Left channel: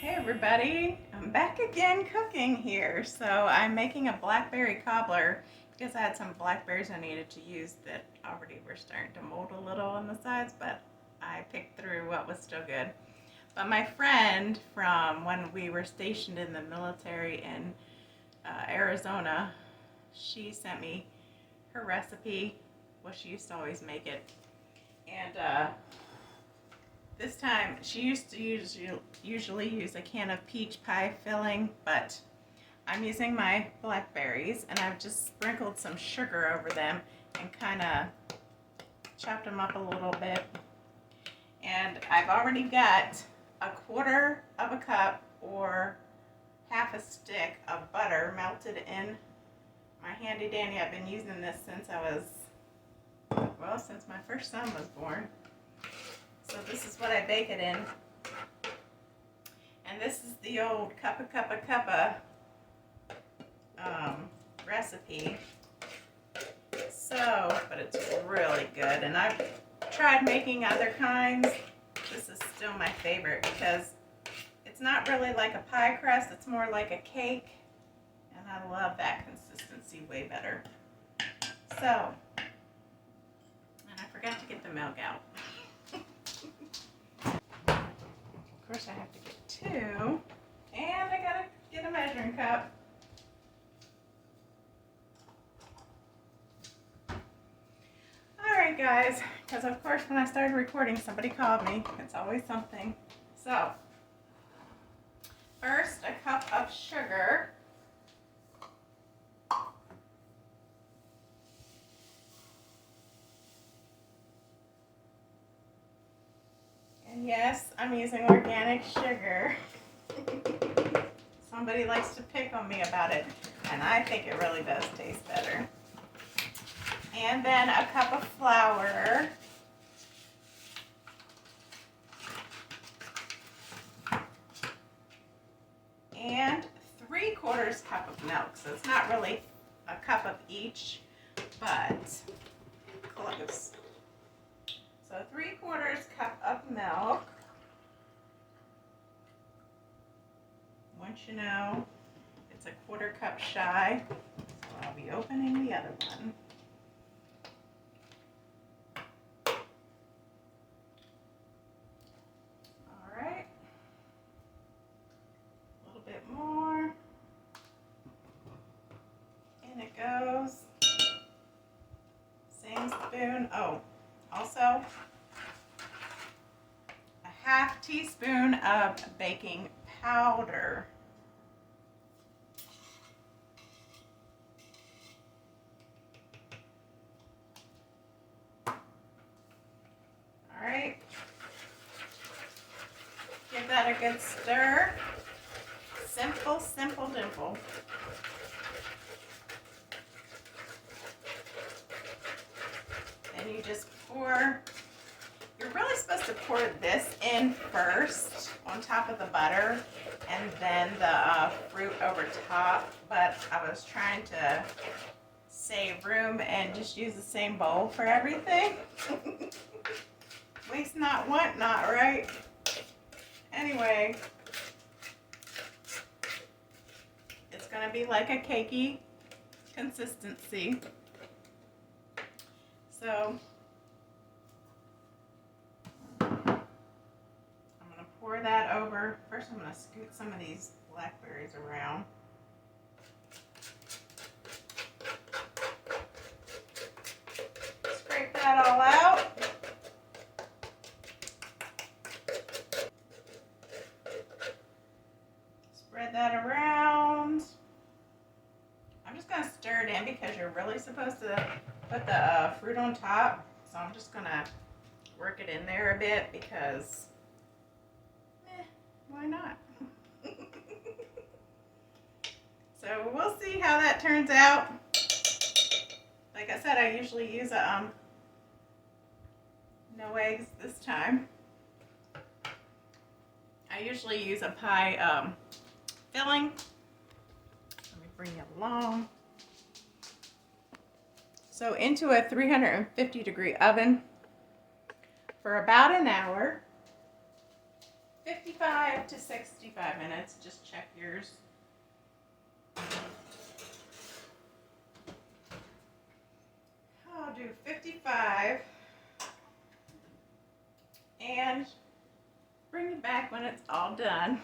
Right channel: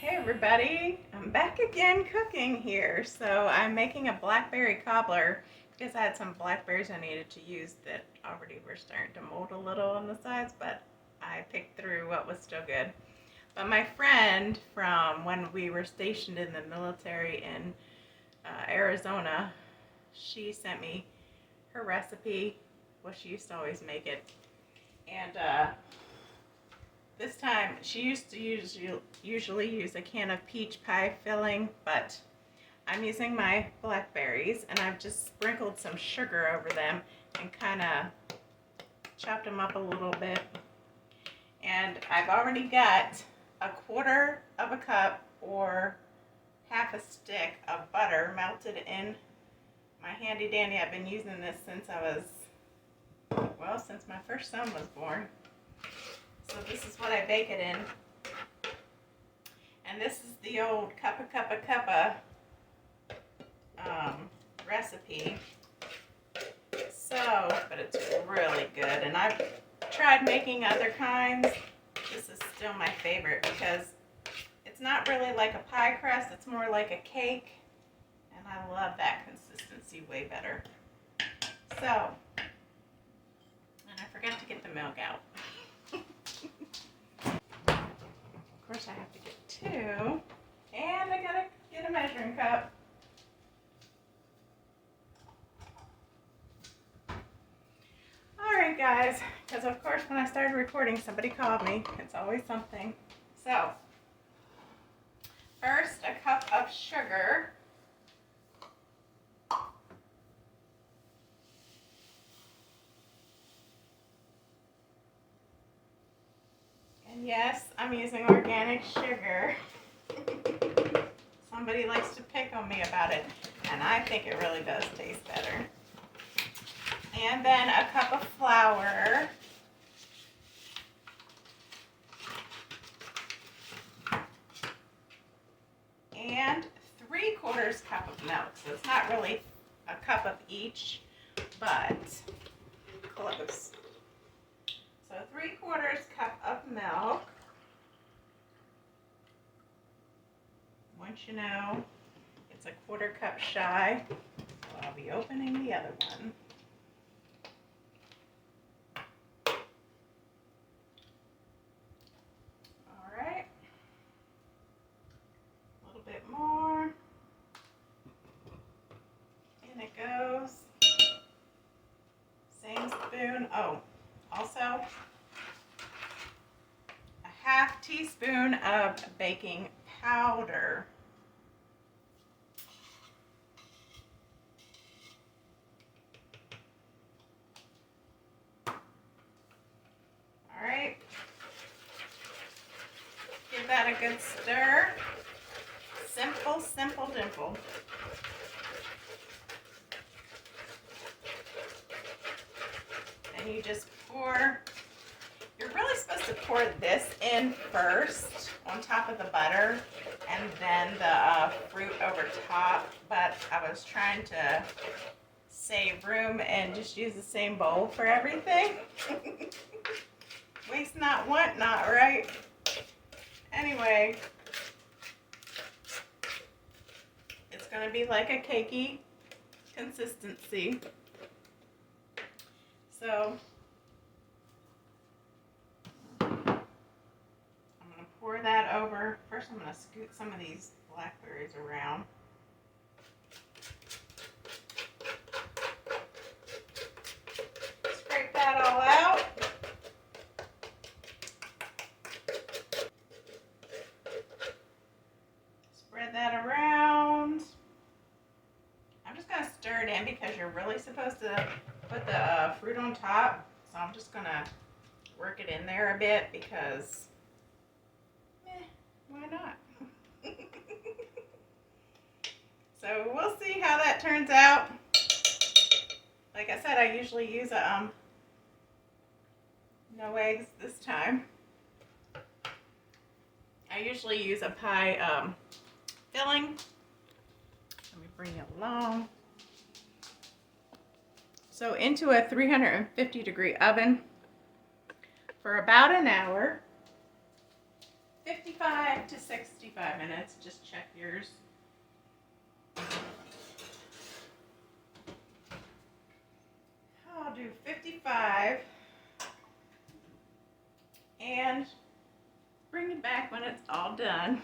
Hey everybody, I'm back again cooking here. So I'm making a blackberry cobbler because I had some blackberries I needed to use that already were starting to mold a little on the sides, but I picked through what was still good. But my friend from when we were stationed in the military in Arizona, she sent me her recipe. Well, she used to always make it. And this time, she used to usually use a can of peach pie filling, but I'm using my blackberries and I've just sprinkled some sugar over them and kind of chopped them up a little bit. And I've already got a quarter of a cup or half a stick of butter melted in my handy dandy. I've been using this since since my first son was born. So this is what I bake it in. And this is the old cuppa recipe. But it's really good. And I've tried making other kinds. This is still my favorite because it's not really like a pie crust. It's more like a cake. And I love that consistency way better. So, and I forgot to get the milk out. Of course, I have to get two, and I gotta get a measuring cup. Alright guys, because of course when I started recording somebody called me. It's always something. So, first a cup of sugar. And yes, I'm using organic sugar. Somebody likes to pick on me about it, and I think it really does taste better. And then a cup of flour. And 3/4 cup of milk. So it's not really a cup of each, but close. So 3/4 cup of milk. Once you know it's a 1/4 cup shy, well, I'll be opening the other one. All right, a little bit more. In it goes. Same spoon. Oh, also a 1/2 teaspoon of baking powder. All right. Give that a good stir. Simple, simple, dimple. Then you just pour. You're really supposed to pour this in first on top of the butter and then the fruit over top, but I was trying to save room and just use the same bowl for everything. Waste not, want not, right? Anyway, it's going to be like a cakey consistency. So I'm going to pour that over. First I'm going to scoot some of these blackberries around. Scrape that all out. Spread that around. I'm just going to stir it in because you're really supposed to put the fruit on top. So I'm just going to work it in there a bit because, why not? So we'll see how that turns out. Like I said, I usually use no eggs this time. I usually use a pie filling. Let me bring you along. So into a 350-degree oven for about an hour, 55 to 65 45 minutes. Just check yours. I'll do 55 and bring it back when it's all done.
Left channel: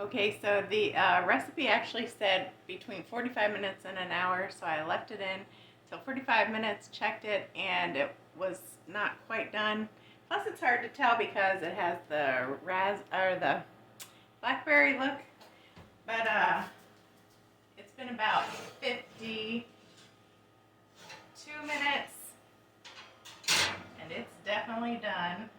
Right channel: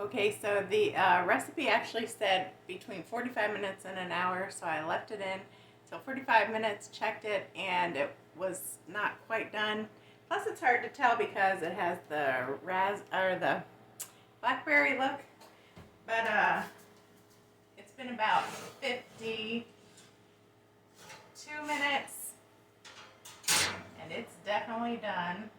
Okay, so the recipe actually said between 45 minutes and an hour, so I left it in till 45 minutes, checked it, and it was not quite done. Plus, it's hard to tell because it has the the blackberry look, but it's been about 52 minutes, and it's definitely done.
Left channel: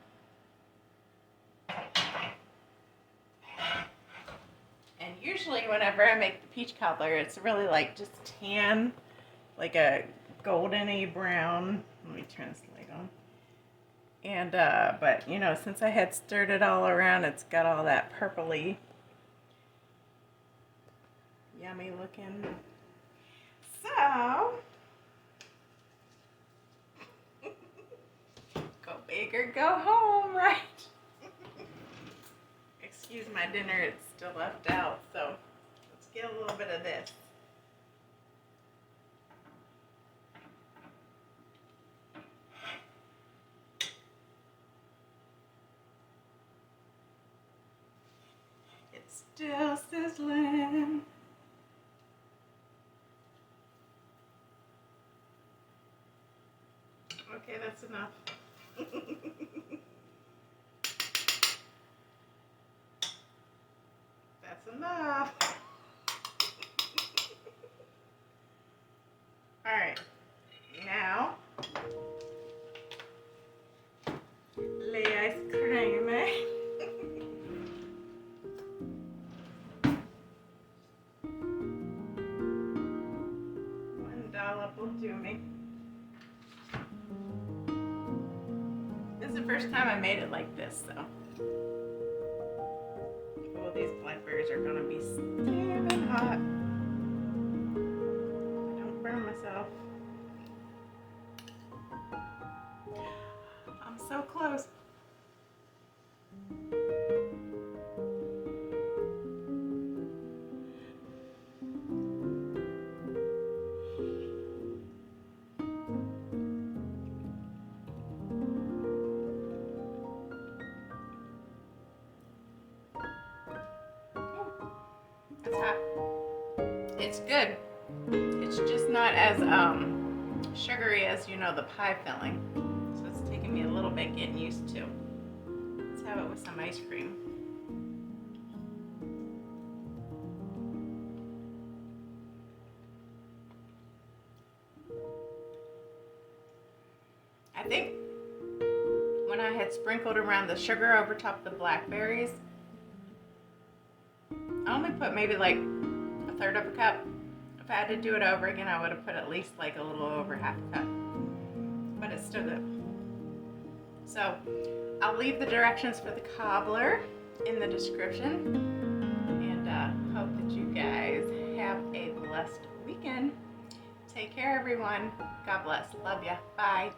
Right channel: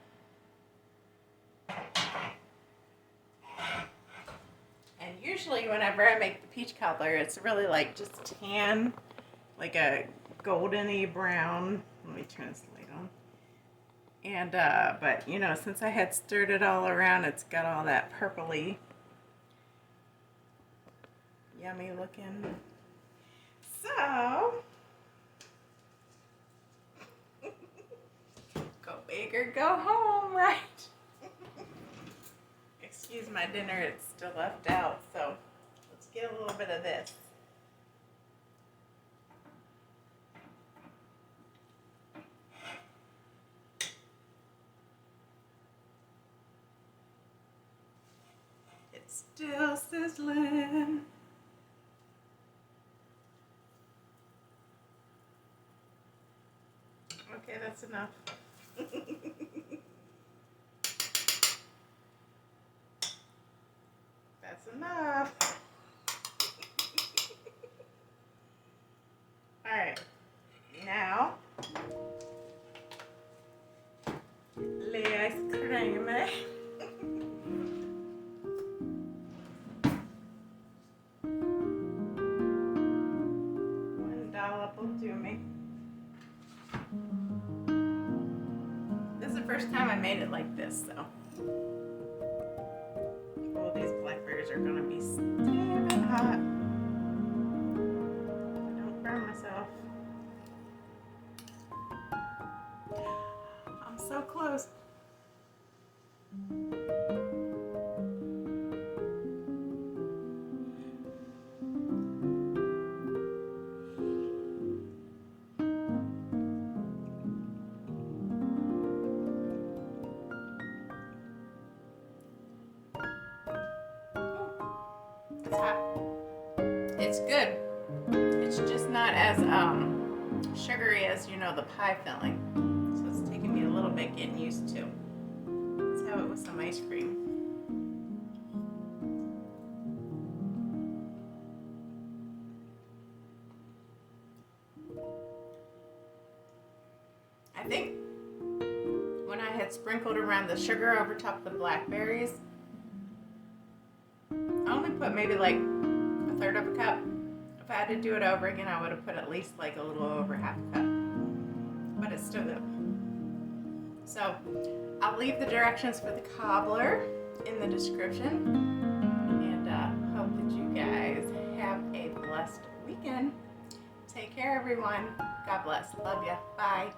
And usually whenever I make the peach cobbler, it's really like just tan, like a goldeny brown. Let me turn this light on. And, but you know, since I had stirred it all around, it's got all that purpley, yummy looking. So, go big or go home, right? Excuse my dinner, it's still left out, so let's get a little bit of this. It's still sizzling. Okay, that's enough. That's enough. All right, now lay ice cream. One dollop will do me. This is the first time I made it like this, so. Oh, these blackberries are gonna be steaming hot. Don't burn myself. I'm so close. It's hot. It's good. It's just not as sugary as, you know, the pie filling. So it's taking me a little bit getting used to. Let's have it with some ice cream. I think when I had sprinkled around the sugar over top of the blackberries, I only put maybe like a third of a cup. If I had to do it over again, I would have put at least like a little over half a cup. But it's still good. So I'll leave the directions for the cobbler in the description. And hope that you guys have a blessed weekend. Take care, everyone. God bless. Love ya. Bye.